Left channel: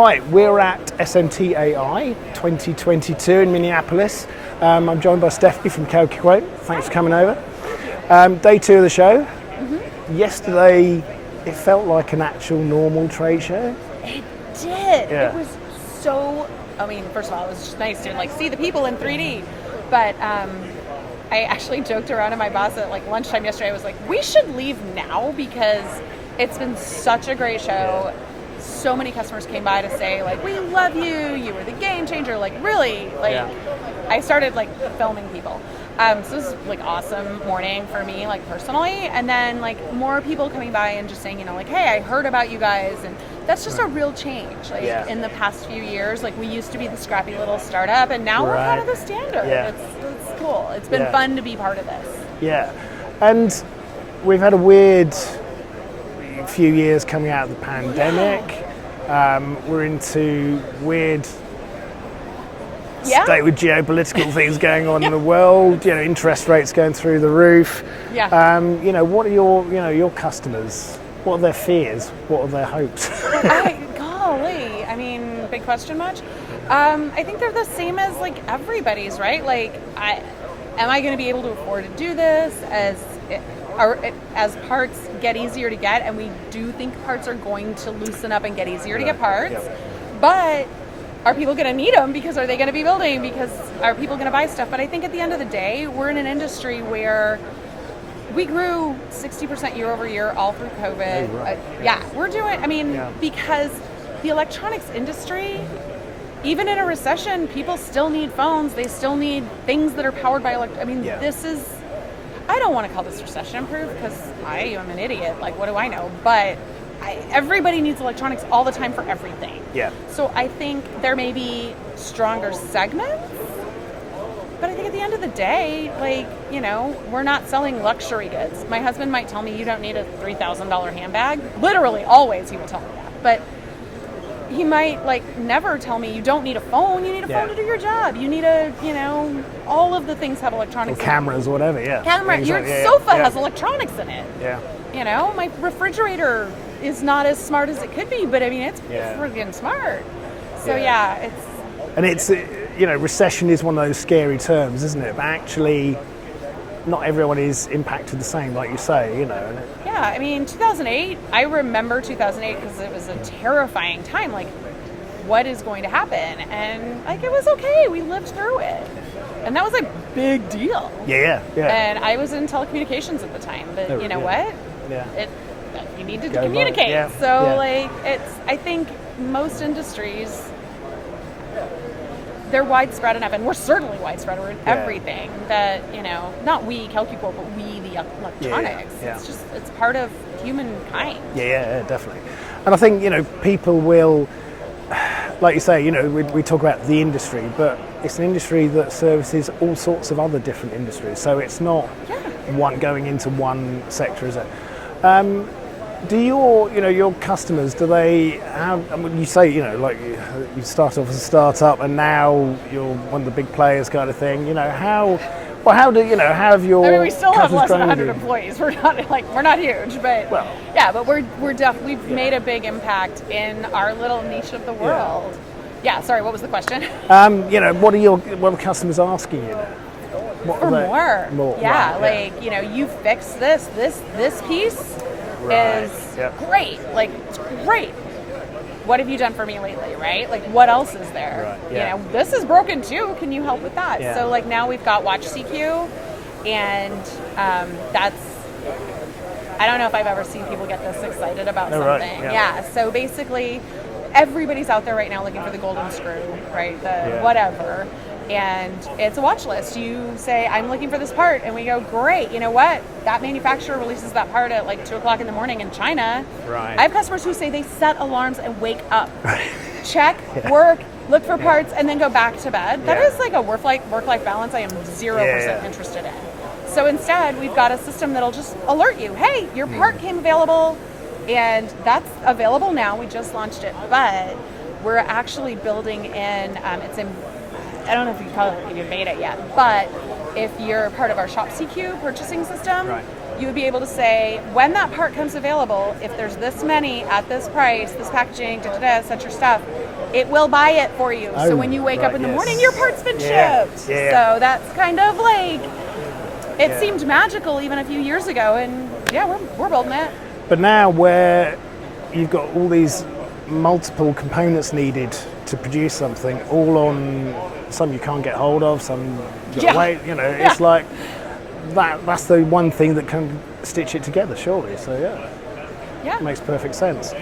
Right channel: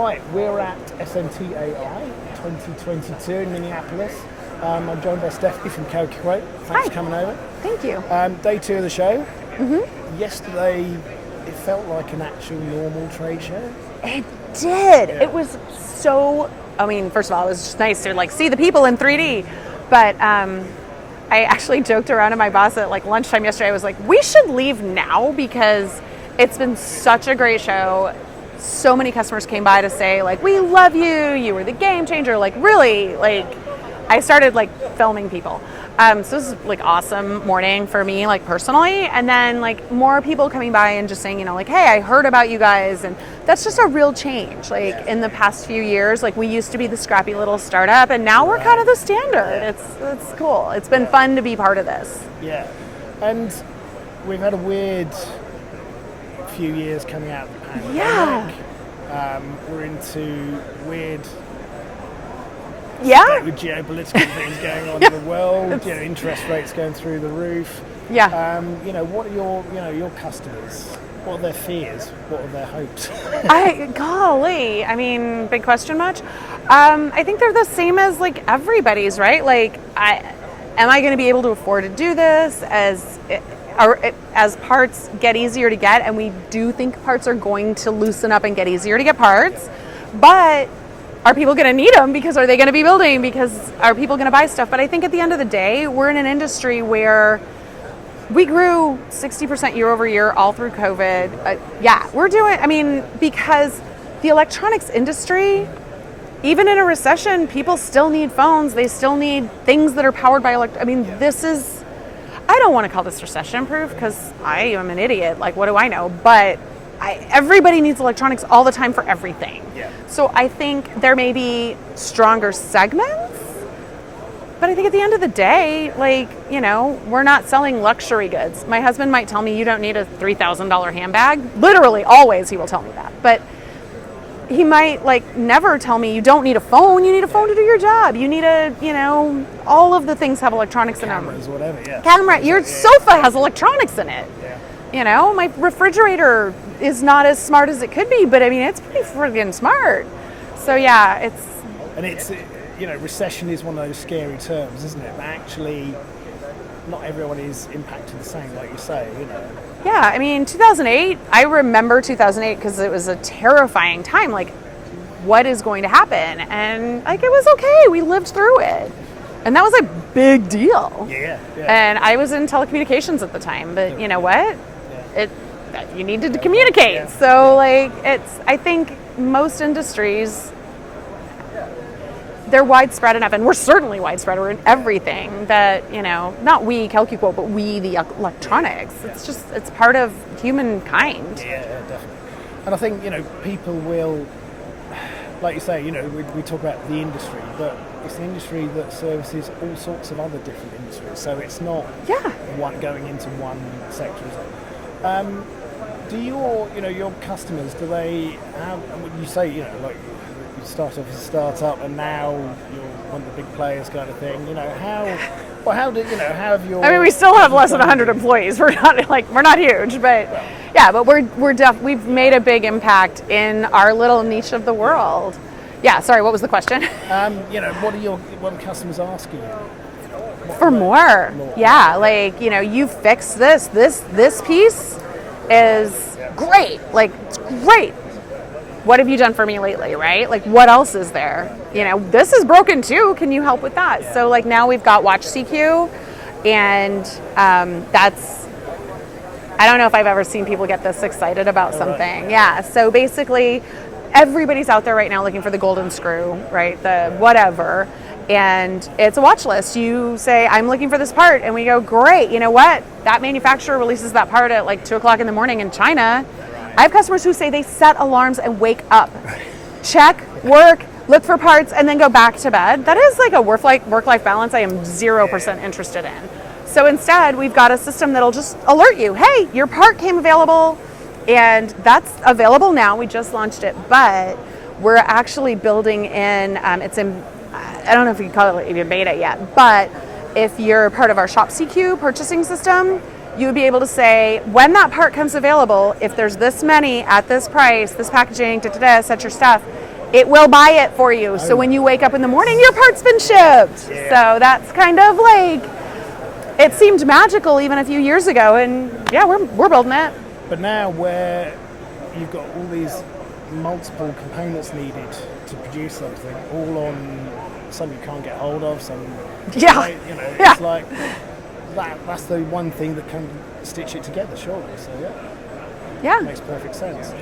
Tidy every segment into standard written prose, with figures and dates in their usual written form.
Hi, we're at SMTA 2022 in Minneapolis. I'm joined by Stephanie from CalcuQuote. Thanks for coming over. Thank you. Day 2 of the show. Yesterday, it felt like an actual normal trade show. It did. Yeah. It was so, first of all, it was just nice to see the people in 3D. But I actually joked around to my boss at lunchtime yesterday. I was like, we should leave now because it's been such a great show. So many customers came by to say, we love you. You were the game changer. Really, I started filming people. So this is awesome morning for me, personally. And then more people coming by and just saying, hey, I heard about you guys. And that's just a real change. In the past few years, we used to be the scrappy little startup, and now we're kind of the standard. Yeah. It's cool. It's been fun to be part of this. Yeah. And we've had a weird few years coming out of the pandemic. We're into weird state with geopolitical things going on in the world. Interest rates going through the roof. Yeah. What are your customers? What are their fears? What are their hopes? Big question much? I think they're the same as everybody's, right? Am I going to be able to afford to do this as parts get easier to get? And we do think parts are going to loosen up and get easier to get parts, but are people going to need them? Because are they going to be building? Because are people going to buy stuff? But I think at the end of the day, we're in an industry where we grew 60% year over year all through COVID. We're doing, because the electronics industry, even in a recession, people still need phones. They still need things that are powered by this is, I don't want to call this recession proof because I am an idiot. What do I know? But everybody needs electronics all the time for everything. Yeah. So I think there may be stronger segments, but I think at the end of the day, we're not selling luxury goods. My husband might tell me you don't need a $3,000 handbag. Literally, always he will tell me that. But he might never tell me you don't need a phone. You need a phone to do your job. You need all of the things have electronics or in cameras or whatever. Yeah. Camera. Your sofa has electronics in it. Yeah. My refrigerator is not as smart as it could be, but it's pretty friggin' smart. So it's recession is one of those scary terms, isn't it? But actually, not everyone is impacted the same, like you say. Yeah, 2008. I remember 2008 because it was a terrifying time. What is going to happen? And it was okay. We lived through it, and that was a big deal. Yeah. And I was in telecommunications at the time, but you know what? Yeah. You needed to communicate. Yeah. So I think most industries, they're widespread enough, and we're certainly widespread. We're in everything that, not we, CalcuQuote, but we, the electronics. Yeah. It's part of humankind. Yeah, definitely. And I think, people will, like you say, we talk about the industry, but it's an industry that services all sorts of other different industries. So it's not one going into one sector, is it? Do your customers, do they have, you say, you start off as a startup and now you're one of the big players kind of thing, how have your... we still have less than 100 employees. We're not huge, but but we've made a big impact in our little niche of the world. Yeah, sorry, what was the question? What are customers asking you? For more. Yeah, you fix this piece is great. It's great. What have you done for me lately, right? What else is there? Yeah. This is broken too. Can you help with that? Yeah. So now we've got Watch CQ, and that's, I don't know if I've ever seen people get this excited about something. Right. Yeah. So basically, everybody's out there right now looking for the golden screw, right? Whatever. And it's a watch list. You say, I'm looking for this part, and we go, great, you know what? That manufacturer releases that part at 2 o'clock in the morning in China. Right. I have customers who say they set alarms and wake up, check, work, look for parts, and then go back to bed. That is a work-life balance I am 0% interested in. So instead, we've got a system that'll just alert you, hey, your part came available, and that's available now. We just launched it, but we're actually building in, I don't know if you can call it even beta yet, but if you're part of our Shop CQ purchasing system, you would be able to say, when that part comes available, if there's this many at this price, this packaging, set your stuff, it will buy it for you. So when you wake up in the morning, your part's been shipped. So that's kind of like, it seemed magical even a few years ago, and yeah, we're building it. But now where you've got all these multiple components needed to produce something, all on some you can't get hold of, some late, you know, it's like that's the one thing that can stitch it together, surely. So it makes perfect sense.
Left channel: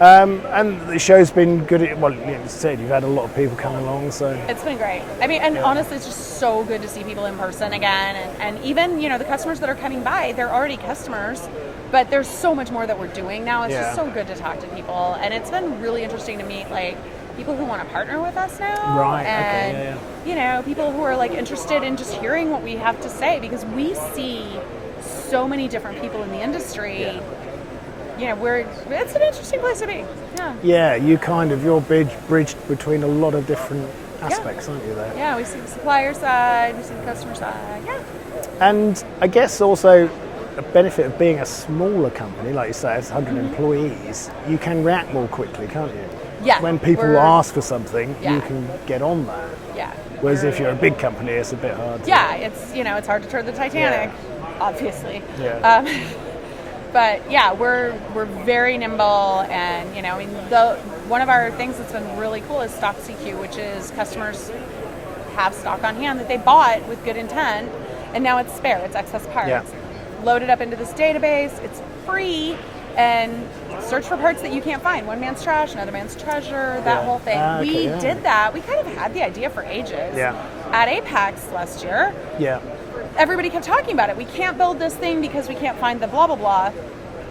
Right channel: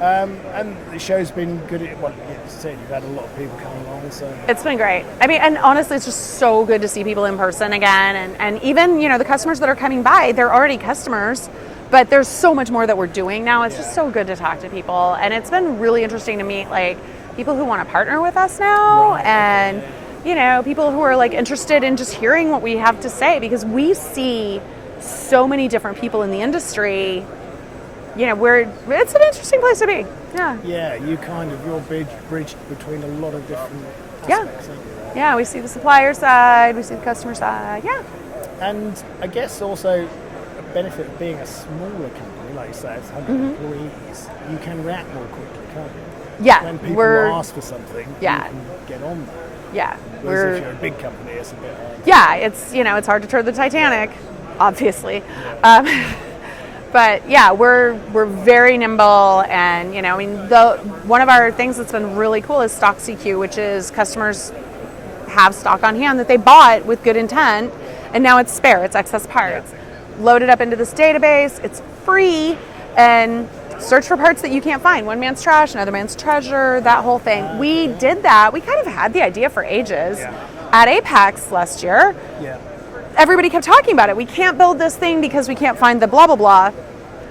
And the show's been good. Well, you said you've had a lot of people come along, so it's been great. I mean, and honestly, it's just so good to see people in person again, and even, you know, the customers that are coming by, they're already customers, but there's so much more that we're doing now. It's just so good to talk to people, and it's been really interesting to meet like people who want to partner with us now, and you know, people who are like interested in just hearing what we have to say, because we see so many different people in the industry. You know, it's an interesting place to be. You're bridged between a lot of different aspects, aren't you? There? Yeah, we see the supplier side, we see the customer side. And I guess also a benefit of being a smaller company, like you say, it's 100 employees, you can react more quickly, can't you? When people ask for something, you can get on that. Whereas if you're a big company, it's a bit hard. It's, you know, it's hard to turn the Titanic, obviously. But yeah, we're very nimble, and you know, I mean, one of our things that's been really cool is stock CQ, which is customers have stock on hand that they bought with good intent, and now it's spare, it's excess parts. Load it up into this database, it's free, and search for parts that you can't find. One man's trash, another man's treasure, that whole thing. We did that. We kind of had the idea for ages. At Apex last year. Everybody kept talking about it. We can't build this thing because we can't find the blah, blah, blah.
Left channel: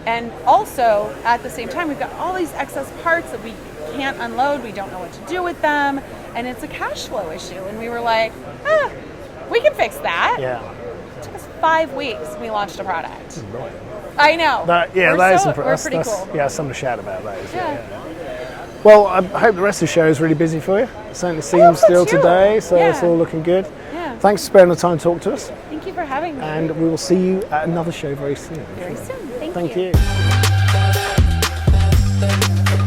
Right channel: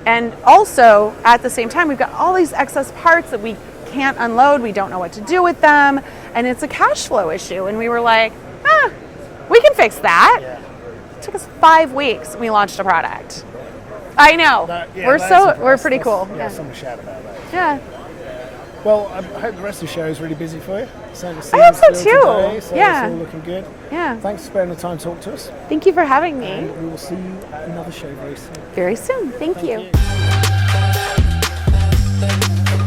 And also, at the same time, we've got all these excess parts that we can't unload. We don't know what to do with them. And it's a cash flow issue. And we were like, we can fix that. It took us 5 weeks. And we launched a product. I know. We're pretty cool. Something to shout about that. Well, I hope the rest of the show is really busy for you. Certainly seems still today, so it's all looking good. Thanks for spending the time to talk to us. Thank you for having me. And we will see you at another show very soon. Very soon. Thank you. Thank you.